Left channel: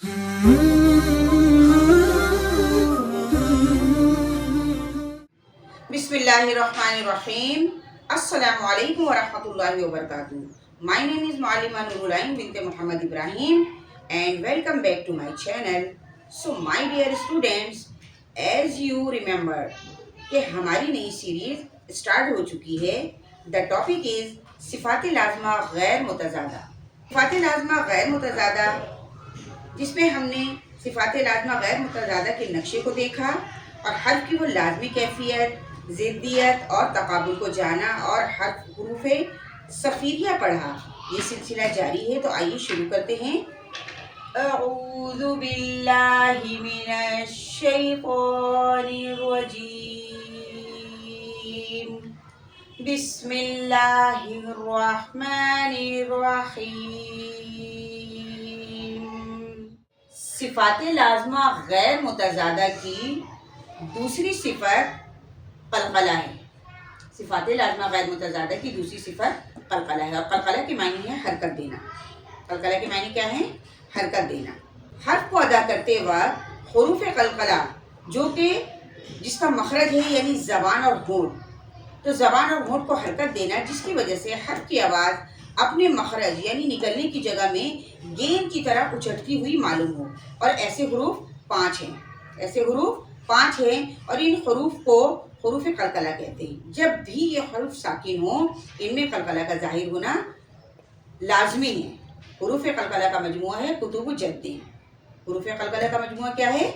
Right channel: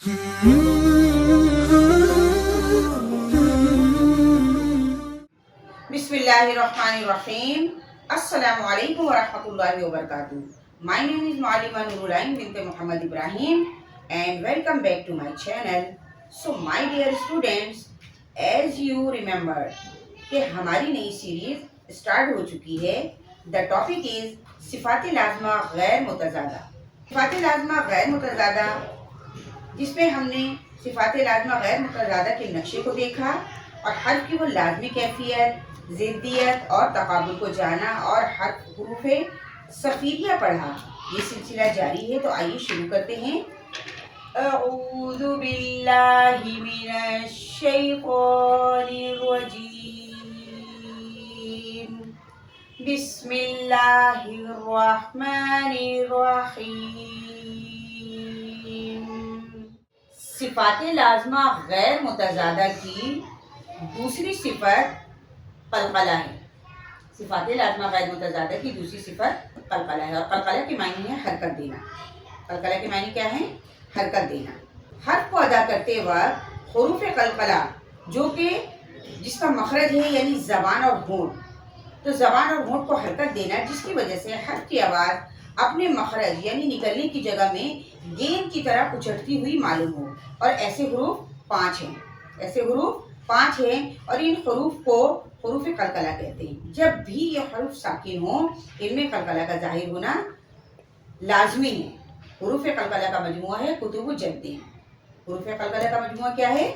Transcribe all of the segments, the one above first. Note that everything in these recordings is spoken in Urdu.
Bismillahirrahmanirrahim. Assalamualaikum warahmatullahi wabarakatuh. My name is Muallima Nurulain bint Muhammad Ibrahim and welcome back to my channel. So my dear students, as you remember کہ ہماری نئی سیریز اسٹارٹ ہو چکی ہے. The topic is صفات لازمہ غیر متضادہ. صفات لازمہ غیر متضادہ جس میں ہم نے صفات لازمہ غیر متضادہ کے نقشے کو دیکھا اور حرف کی وہ لازمی کیفیت، ضدیت اور تقابل کو جانا اور حروف صفیریہ پڑھا. یہ سلسلہ جاری ہے، تو آئیے شروع کرتے ہیں. اعوذ باللہ من الشیطان الرجیم، بسم اللہ الرحمن الرحیم. صفات لازمہ غیر متضادہ کی دوسری صفت قلقلہ ہے. صفات لازمہ غیر متضادہ کی دوسری صفت قلقلہ ہے، اور قلقلہ کے معنی ہے حرکت دینا. قلقلہ کے معنی کیا ہے؟ حرکت دینا. حرف کو ادا کرتے وقت حروف قلقلہ جو کہ جس کا مخرج ہے یعنی زبان اور ہونٹ، تو زبان اور ہونٹ کو حرکت دینا جس کی وجہ سے حرف کی آواز اپنے مخرج یعنی نکلنے کی جگہ میں گیند کی طرح اچھٹتی ہوئی معلوم ہو. اور ایسے حروف 5 ہیں. ایسے حروف 5 ہیں اور ان حروف کو حروف قلقلہ کہتے ہیں. جب بھی یہ حروف ساکن ہوں ان میں قلقلہ کا ظاہر ہونا لازمی ہے. حروف قلقلہ کا مجموعہ ہے قطب جدی. حروف قلقلہ کا مجموعہ کیا ہے؟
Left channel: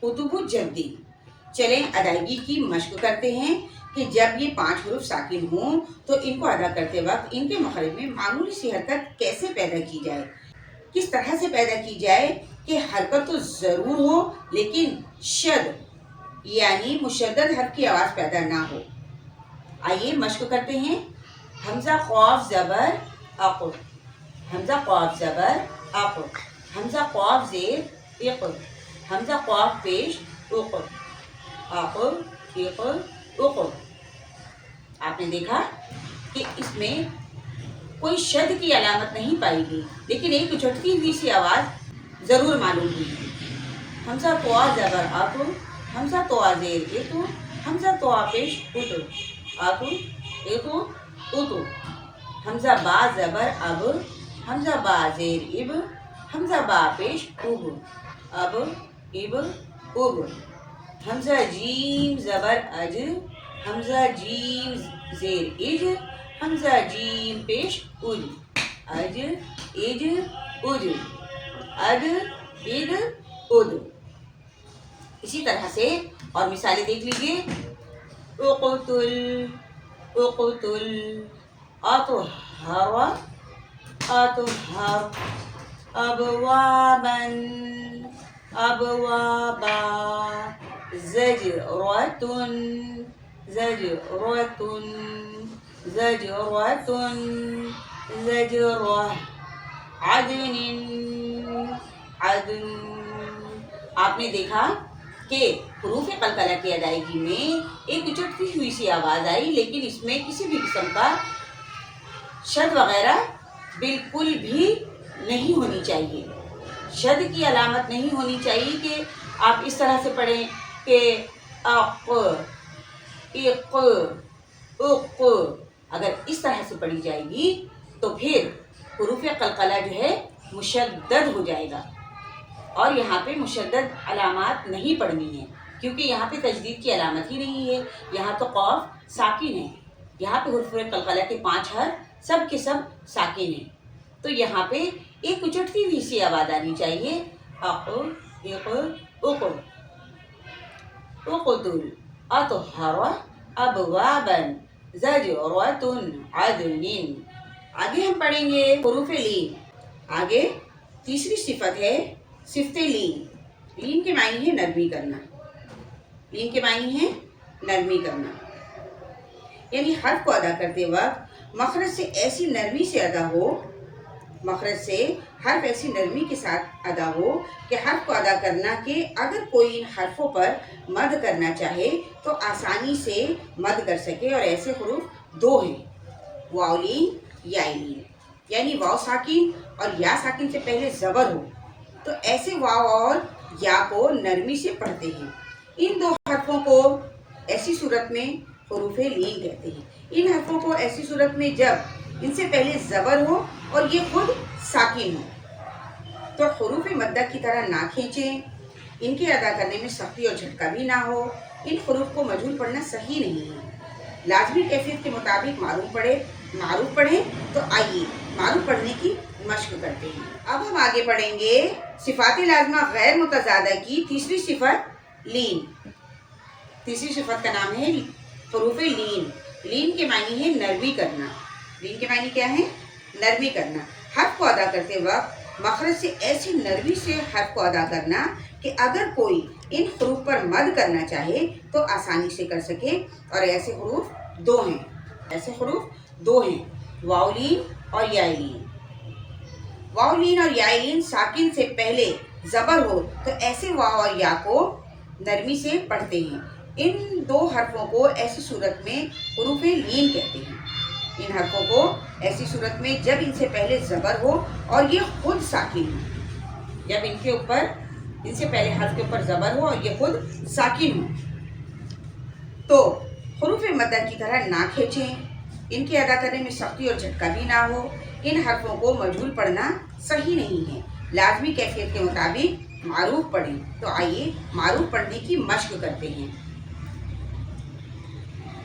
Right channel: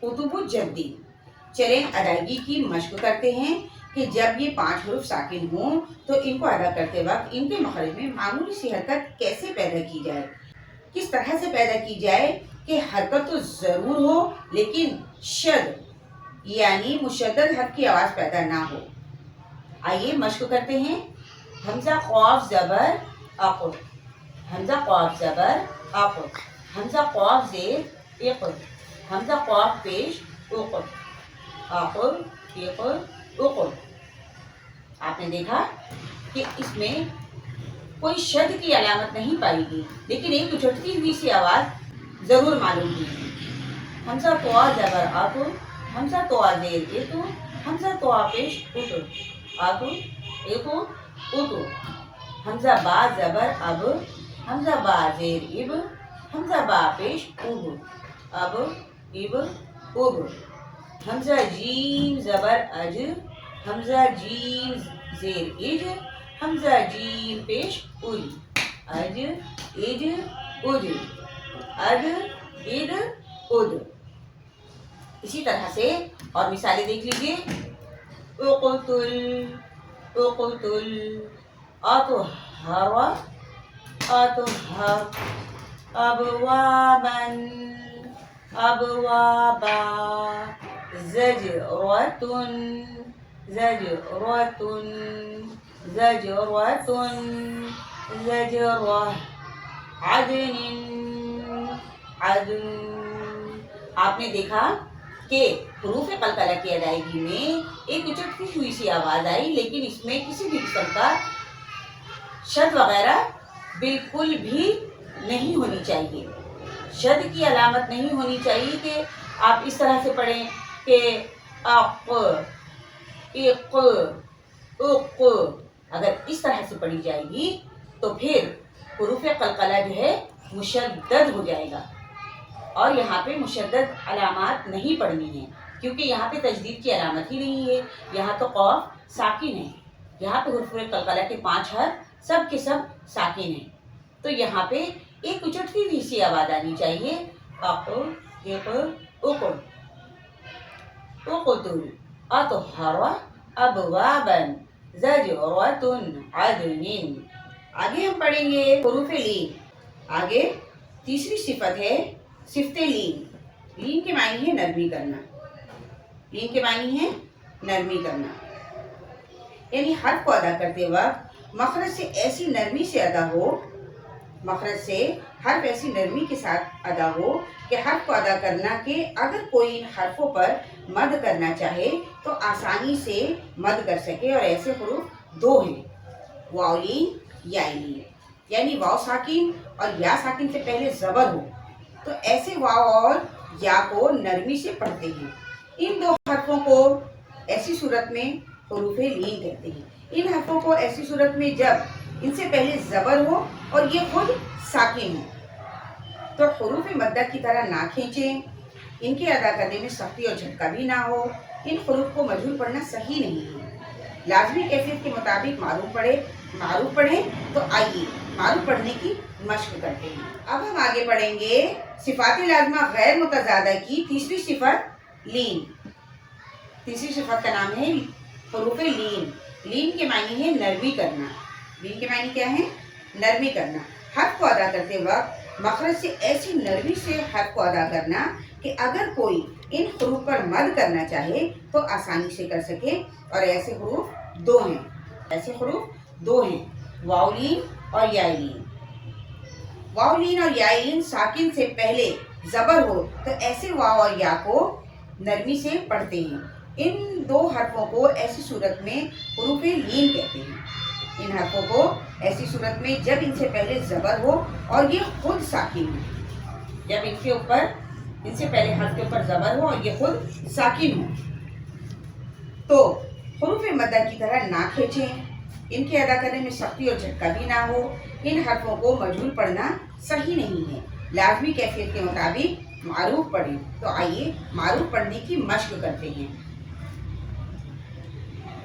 قطب جدی. چلیں ادائیگی کی مشق کرتے ہیں کہ جب یہ 5 حروف ساکن ہوں تو ان کو ادا کرتے وقت ان کے مخرج میں معمولی سی حرکت کیسے پیدا کی جائے. کس طرح سے پیدا کی جائے کہ حرکت تو ضرور ہو لیکن شد یعنی مشدد حرف کی آواز پیدا نہ ہو. آئیے مشق کرتے ہیں. حمزہ قاف زبر اق، حمزہ قاف زبر اق، حمزہ قاف زیر اق، حمزہ قاف پیش اق، اق اق اق. آپ نے دیکھا کہ اس میں کوئی شد کی علامت نہیں پائی گئی لیکن ایک اچھٹتی ہوئی سی آواز ضرور معلوم ہوئی. حمزہ طوا زبر آتو، حمزہ طوا زیر ایتو، حمزہ طوا پیش اتو، آتو ایتو اتو. حمزہ با زبر اب، حمزہ با زیر اب، حمزہ با پیش اب، اب اب اب. حمزہ جیم زبر اج، حمزہ جیم زیر اج، حمزہ جیم پیش اج، اج اج اج، اج اج اج. اسی طرح سے اور مثالیں دیکھ لیجیے. اقتل اقتل، اطہر اطہر، ابوابا ابوابا، زجرۃ زجرۃ زجرۃ زجرہ، عدن عدن. آپ نے دیکھا کہ حروف قلقلہ کی ادائیگی میں ایک اچھٹتی ہوئی سی آواز آئی لیکن اس میں کسی بھی قسم کا شد وغیرہ بالکل بھی نہیں ہونی چاہیے. شد کی علامت نہیں ہونی چاہیے کہ آپ اس طرح سے پڑھیں کہ اق اق اق. اگر اس طرح سے پڑھی جائے گی تو پھر حروف قلقلہ جو ہے مشدد ہو جائے گا. اور یہاں پہ مشدد علامات نہیں پڑھنی ہیں کیونکہ یہاں پہ تجدید کی علامت ہی نہیں ہے. یہاں تو قاف ساکن ہے. یہاں پہ حروف قلقلہ کے 5 حرف سب کے سب ساکن ہیں. تو یہاں پہ ایک اچھٹتی ہوئی سی آواز آنی چاہیے. اق اق اق. اقتل اطہر ابوابا زجرۃ عدن. آگے ہم پڑھیں گے حروف لین. آگے تیسری صفت ہے صفت لین. لین کے معنی ہے نرمی کرنا. لین کے معنی ہے نرمی کرنا یعنی حرف کو ادا کرتے وقت مخرج سے ایسی نرمی سے ادا ہو، مخرج سے حرف ایسی نرمی کے ساتھ ادا ہو کہ حرف کو ادا کرنا کہ اگر کوئی ان حرفوں پر مد کرنا چاہے تو آسانی سے مد کر سکے. اور ایسے حروف 2 ہیں، واو لین یا لین، یعنی واو ساکن اور یا ساکن سے پہلے زبر ہو تو ایسے واو اور یا کو نرمی سے پڑھتے ہیں۔ ان دو حرفوں کو ایسی صورت میں حروف لین کہتے ہیں۔ ان حرفوں کو ایسی صورت میں جب ان سے پہلے زبر ہو اور یہ خود ساکن ہو تو حروف مدہ کی طرح نہ کھینچیں، ان کے ادا کرنے میں سختی اور جھٹکا بھی نہ ہو۔ ان حروف کو مجہول پڑھنا صحیح نہیں ہے۔ لازمی کیفیت کے مطابق معروف پڑھیں۔ تو آئیے معروف پڑھنے کی مشق کرتے ہیں۔ اب ہم آگے پڑھیں گے صفات لازمہ غیر متضادہ کی تیسری صفت لین۔ تیسری صفت کا نام ہے حروف لین۔ لین کے معنی ہے نرمی کرنا۔ لین کے معنی کیا ہے؟ نرمی کرنا۔ حرف کو ادا کرتے وقت مخرج سے ایسی نرمی سے حرف کو ادا کرنا کہ اگر کوئی ان حروف پر مد کرنا چاہے تو آسانی سے کر سکے۔ اور ایسے حروف دو ہیں، واو لین اور یا لین۔ واو لین اور یا لین ساکن سے پہلے زبر ہو تو ایسے واو اور یا کو نرمی سے پڑھتے ہیں۔ ان دو حرفوں کو ایسی صورت میں حروف لین کہتے ہیں۔ ان حرفوں کو ایسی صورت میں جب ان سے پہلے زبر ہو اور یہ خود ساکن ہو، جب ان سے پہلے حرف کے اوپر زبر ہو اور یہ خود ساکن ہو تو حروف مدہ کی طرح نہ کھینچیں، ان کے ادا کرنے میں سختی اور جھٹکا بھی نہ ہو۔ ان حرفوں کو مجہول پڑھنا صحیح نہیں ہے۔ لازمی کیفیت کے مطابق معروف پڑھیں۔ تو آئیے معروف پڑھنے کی مشق کرتے ہیں۔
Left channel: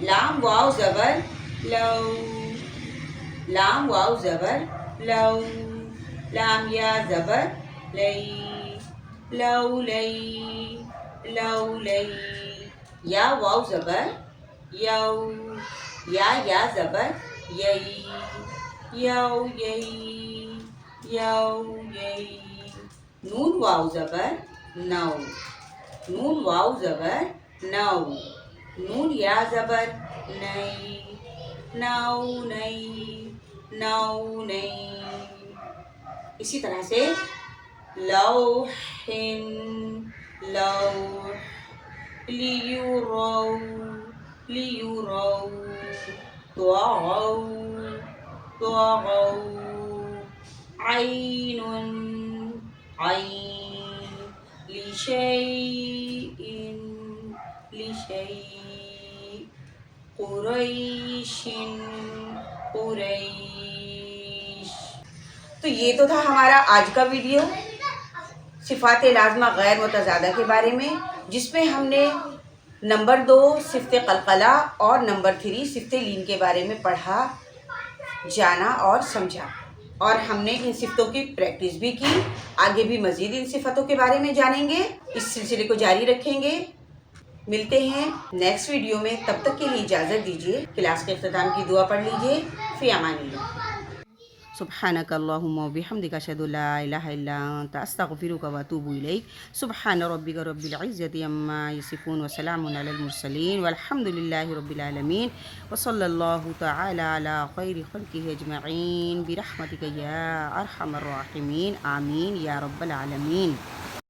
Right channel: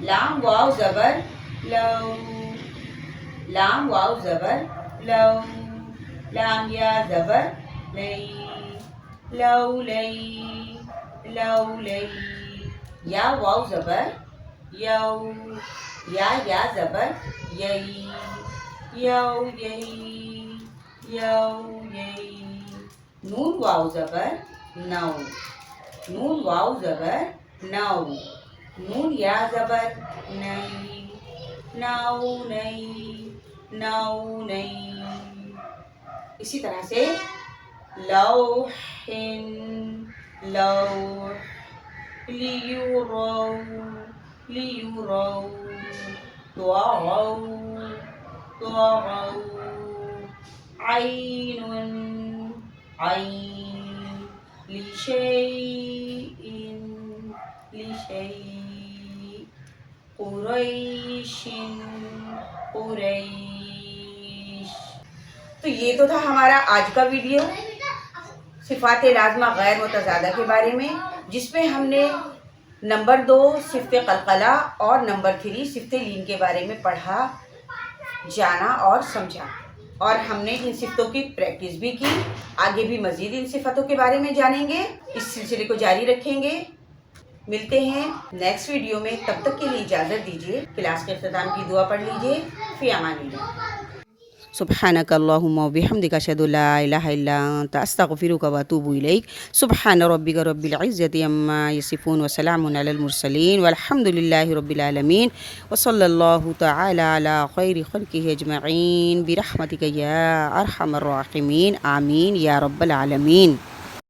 لام واو زبر لو، لام واو زبر لو، لام یا زبر لئی، لو لئی، لو لئی، یا واو زبر یو، یا زبر یئی، یو یئی، یو یئی۔ نون واو زبر نو، نون واو زبر نو، نون یا زبر نئی، نو نئی، نو نئی۔ اسی طرح سے لوحن، لوح، لیورو، لیورو، طغوا، طغوا، عین، عین، لشیء، لشیء، قریش، قریش۔ تو یہ تو تھا ہمارا آج کا ویڈیو صفات لازمہ غیر متضادہ کے بارے میں، جس میں ہم نے نمبر 2 صفت قلقلہ اور نمبر 3 صفت لین کے بارے میں پڑھا، جانا اور سمجھا، اور ہم نے ان صفتوں کی پریکٹس بھی کی۔ آگے بھی مزید ان صفتوں کے بارے میں جانیں گے، اس سلسلے کو جاری رکھیں گے۔ ملتے ہیں نیکسٹ ویڈیو میں، تب تک کے لیے اجازت دیجیے۔ کلاس کے اختتام کی دعا پڑھ لیجیے۔ فی امان اللہ۔ سبحانک اللہم و بحمدک اشہد ان لا الہ الا انت استغفرک و اتوب الیک۔ سبحان ربک رب العزۃ عما یصفون وسلام علی المرسلین والحمد للہ رب العالمین وصلی اللہ تعالی علی خیر خلقہ اجمعین برحمتک یا ارحم الراحمین، آمین یا رب العالمین۔